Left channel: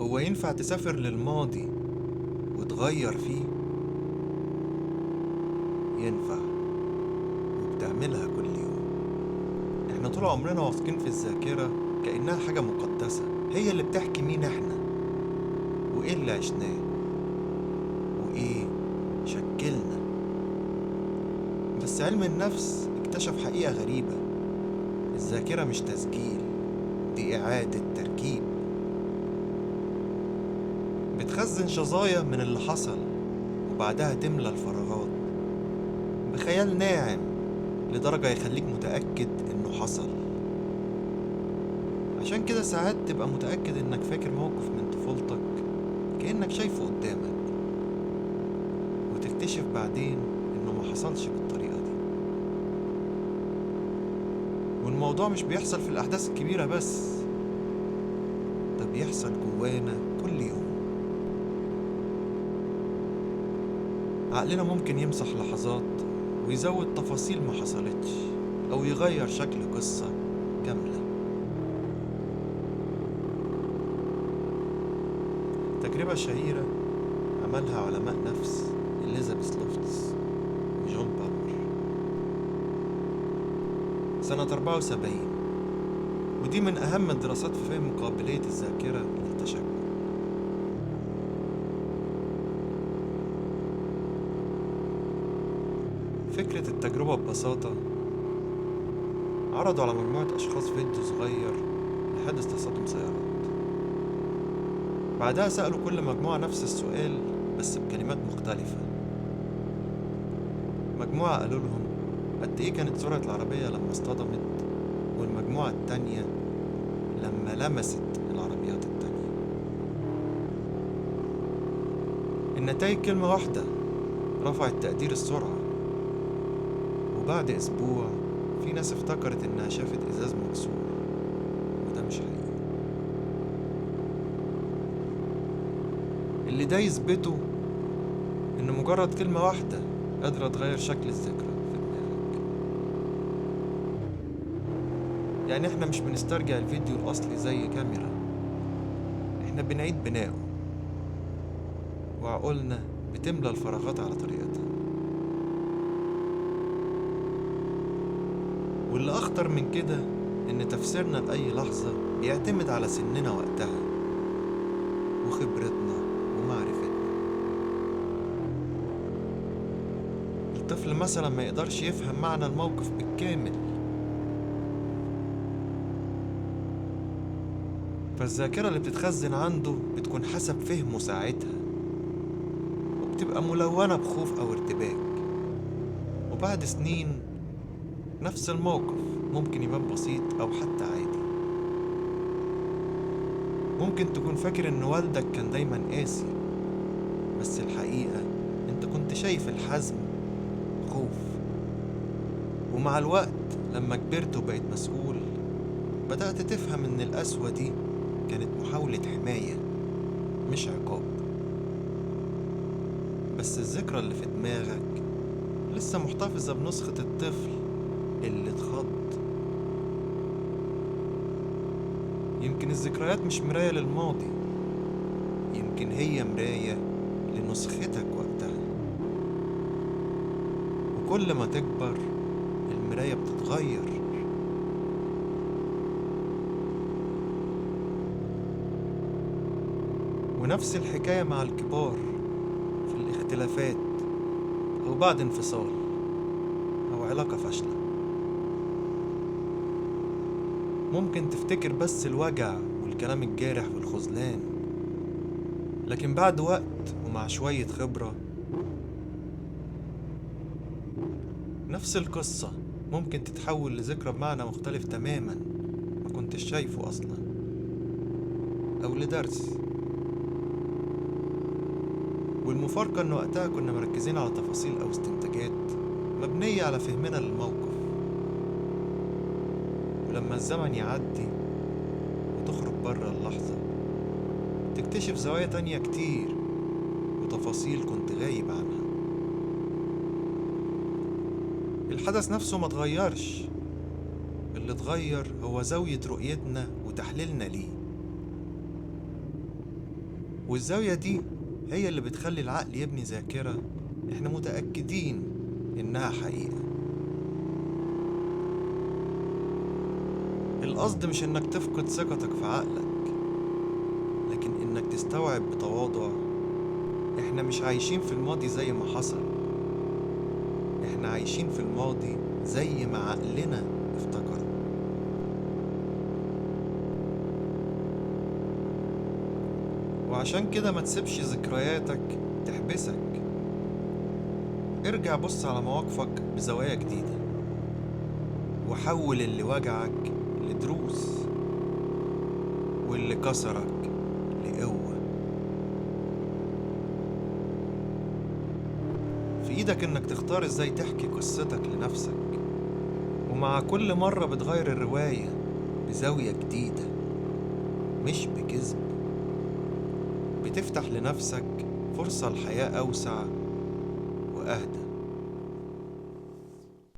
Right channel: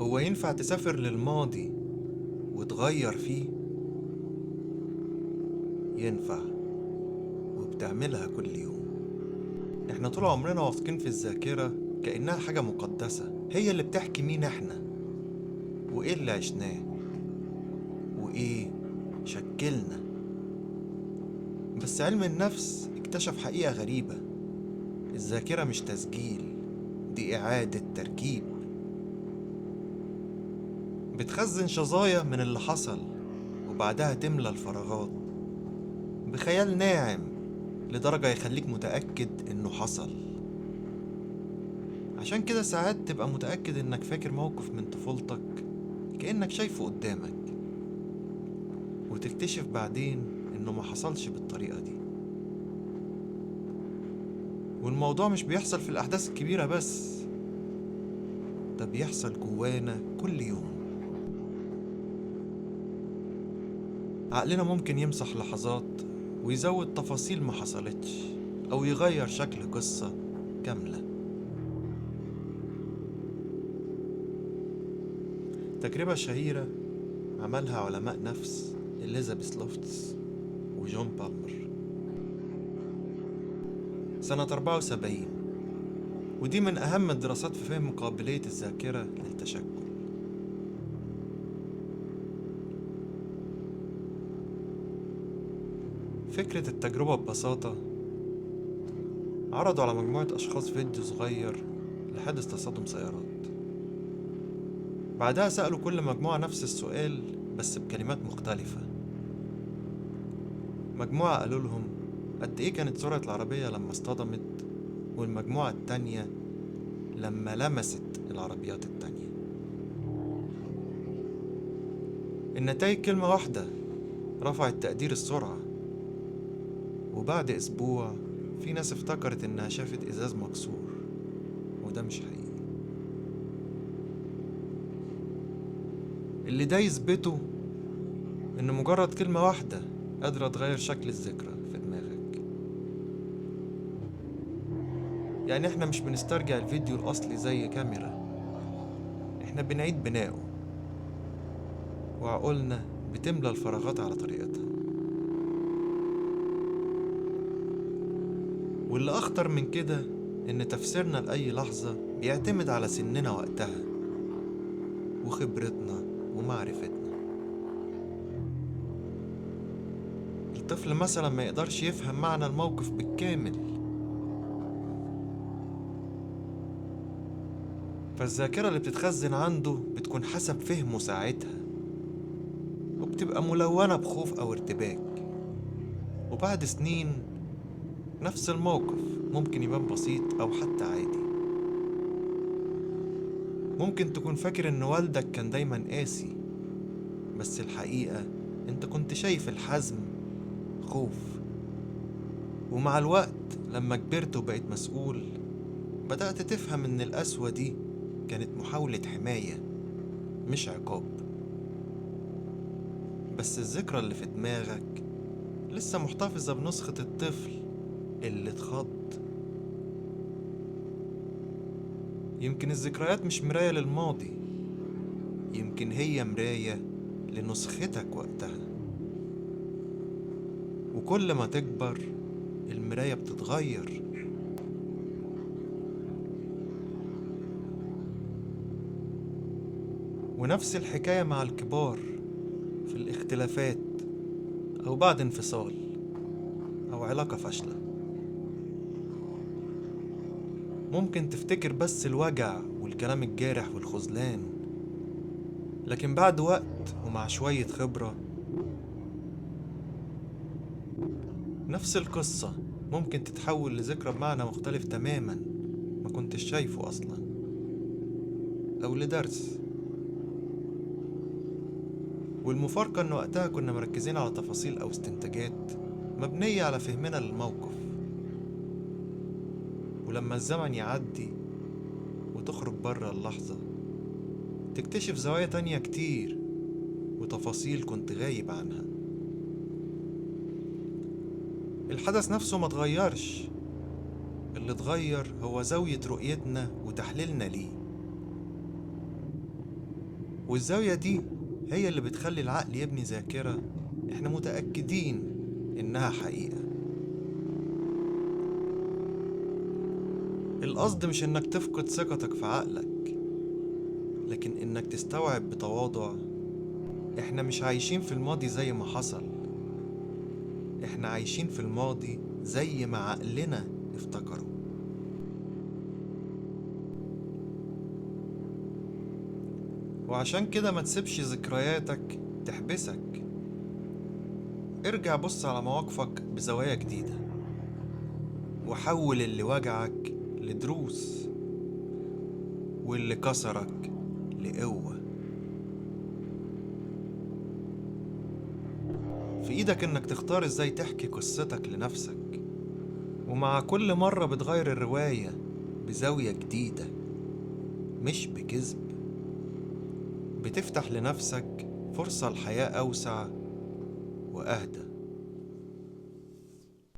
هو ينفع تسافر للماضي وتغير فيه؟ ينفع، وبتعملها كل يوم. احنا طول عمرنا واثقين في الذاكرة كأنها حاجة مقدسة، هي اللي بتحكي مين احنا وايه اللي عشناه وايه شكلنا. بس علم النفس اكتشف حقيقة غريبة: الذاكرة مش تسجيل، دي إعادة تركيب. بتخزن شظايا من اللي حصل وبعدها تملى الفراغات بخيال ناعم لدرجة يخليك متأكد إنه حصل. عشان كده ساعات تبقى متأكد إنك فاكر موقف من طفولتك كأنك شايفه قدامك، وتكتشف بعدين إنه ما حصلش بالطريقة دي. والموضوع مش بيحصل في الأحداث الكبيرة بس، ده بيحصل جوانا كل يوم. عقلنا ممكن يمسح لحظات ويزود تفاصيل ما حصلتش، أو يغير شكل قصة كاملة. تجربة شهيرة عملها علماء نفس إليزابيث لوفتس وجون بالمر سنة 74، ودي من أهم الدراسات في فهم قابلية الذاكرة للتشكل. فكرة التجربة ببساطة: عرضوا على مجموعة أشخاص فيديو صغير لحادث تصادم سيارات. بعدها سألوا كل مجموعة نفس السؤال بس بكلمات مختلفة. مجموعة قالوا لهم قد إيه كانت سرعة العربية لما اصطدمت، والمجموعة التانية لما لمست العربيات التانية. النتائج كلمة واحدة رفعت تقدير السرعة، وبعد أسبوع في ناس افتكرت إنها شافت إزاز مكسور، وده مش حقيقي. اللي ده يثبته إن مجرد كلمة واحدة قادرة تغير شكل الذكرى في دماغك. يعني احنا مش بنسترجع الفيديو الأصلي زي كاميرا، احنا بنعيد بناؤه، وعقولنا بتملى الفراغات على طريقتها. واللي أخطر من كده إن تفسيرنا لأي لحظة بيعتمد على سننا وقتها وخبرتنا ومعرفتنا. الطفل مثلا ما يقدرش يفهم معنى الموقف بالكامل، فالذاكرة اللي بتتخزن عنده بتكون حسب فهمه ساعتها، وبتبقى ملونة بخوف أو ارتباك. وبعد سنين نفس الموقف ممكن يبان بسيط أو حتى عادي. ممكن تكون فاكر إن والدك كان دايما قاسي، بس الحقيقة انت كنت شايف الحزم خوف. ومع الوقت لما كبرت وبقيت مسؤول بدأت تفهم إن القسوة دي كانت محاولة حماية مش عقاب. بس الذكرى اللي في دماغك لسه محتفظة بنسخة الطفل اللي اتخض. يمكن الذكريات مش مراية للماضي، يمكن هي مراية لنسختك وقتها. وكل ما تكبر المراية بتتغير. ونفس الحكاية مع الكبار في الاختلافات أو بعد انفصال أو علاقة فاشلة. ممكن تفتكر بس الوجع والكلام الجارح والخذلان، لكن بعد وقت ومع شوية خبرة نفس القصة ممكن تتحول لذكرى بمعنى مختلف تماما ما كنتش شايفه أصلا، أو لدرس. والمفارقة إن وقتها كنا مركزين على تفاصيل أو استنتاجات مبنية على فهمنا للموقف. ولما الزمن يعدي وتخرج بره اللحظة تكتشف زوايا تانية كتير وتفاصيل كنت غايب عنها. الحدث نفسه ما تغيرش، اللي اتغير هو زاوية رؤيتنا وتحليلنا ليه. والزاوية دي هي اللي بتخلي العقل يبني ذاكرة احنا متأكدين إنها حقيقة. القصد مش إنك تفقد ثقتك في عقلك، لكن إنك تستوعب بتواضع احنا مش عايشين في الماضي زي ما حصل، احنا عايشين في الماضي زي ما عقلنا افتكر. وعشان كده ما تسيبش ذكرياتك تحبسك. ارجع بص على مواقفك بزوايا جديدة، وحول اللي وجعك لدروس، واللي كسرك لقوة. في ايدك انك تختار ازاي تحكي قصتك لنفسك، ومع كل مرة بتغير الرواية بزاوية جديدة مش بكذب، بتفتح لنفسك فرصة لحياة أوسع وأهدى.